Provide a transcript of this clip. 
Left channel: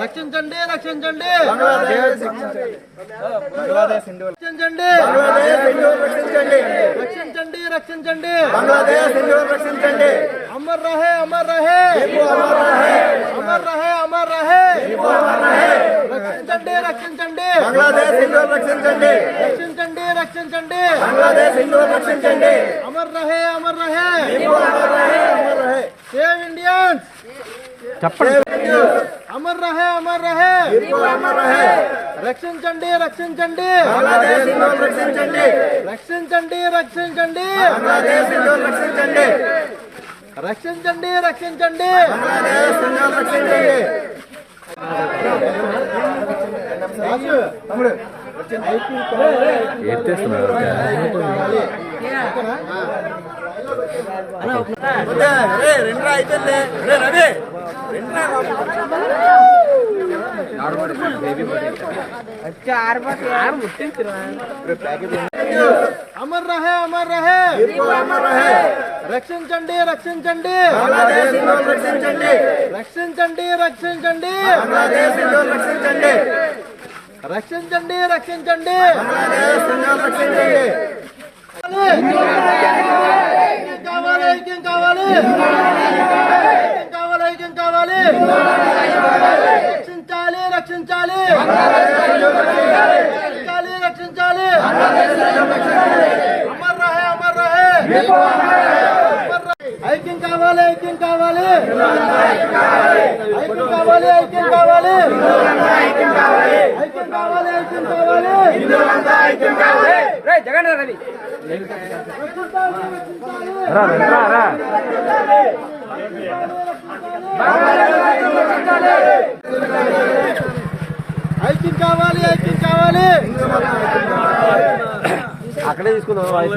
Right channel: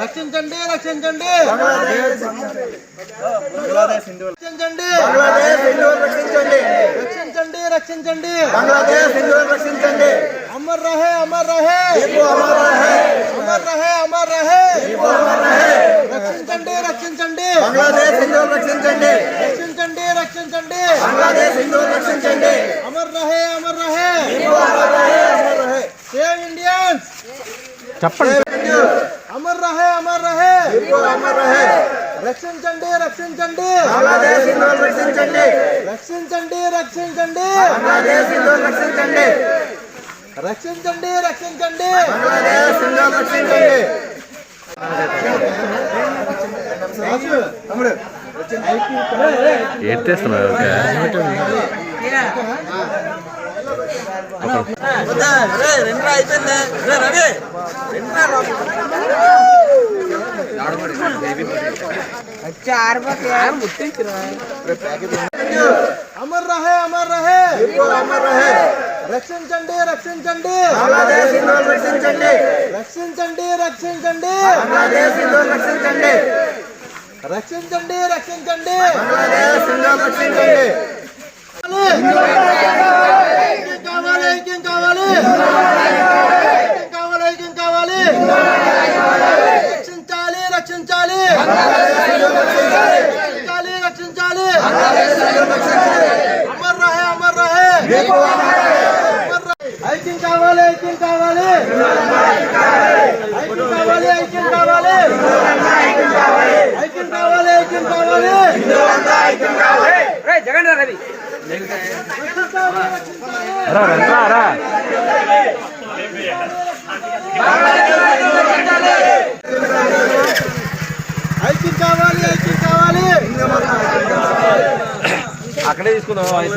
రక్షించండి రక్షించండి రక్షించండి రక్షించండి రక్షించండి అమర్ రహే అమర్ రహే అమర్ రహే అమర్ రహే రక్షించండి రక్షించండి రక్షించండి రక్షించండి రక్షించండి రక్షించండి అమర్ రహే అమర్ రహే సేవ్ ఇండియన్స్ అమర్ రహే అమర్ రహే అమర్ రహే రక్షించండి రక్షించండి రక్షించండి రక్షించండి రక్షించండి రక్షించండి రక్షించండి రక్షించండి రక్షించండి ఎత్తేస్తున్నారు అమర్ రహే అమర్ రహే అమర్ రహే రక్షించండి రక్షించండి రక్షించండి రక్షించండి రక్షించండి రక్షించండి రక్షించండి రక్షించండి కావాలి ఐక్యం కావాలి కావాలి ఐక్యం కావాలి రక్షించాలి రక్షించాలి రక్షించాలి రక్షించాలి అమర్ రహే అమర్ రహే ఐక్యం కావాలి ఐక్యం కావాలి ఐక్యం కావాలి ఐక్యం కావాలి ఐక్యం కావాలి ఐక్యం కావాలి జగన్ రవి ఐక్యం కావాలి ఐక్యం కావాలి అక్కడే తీసుకుందాం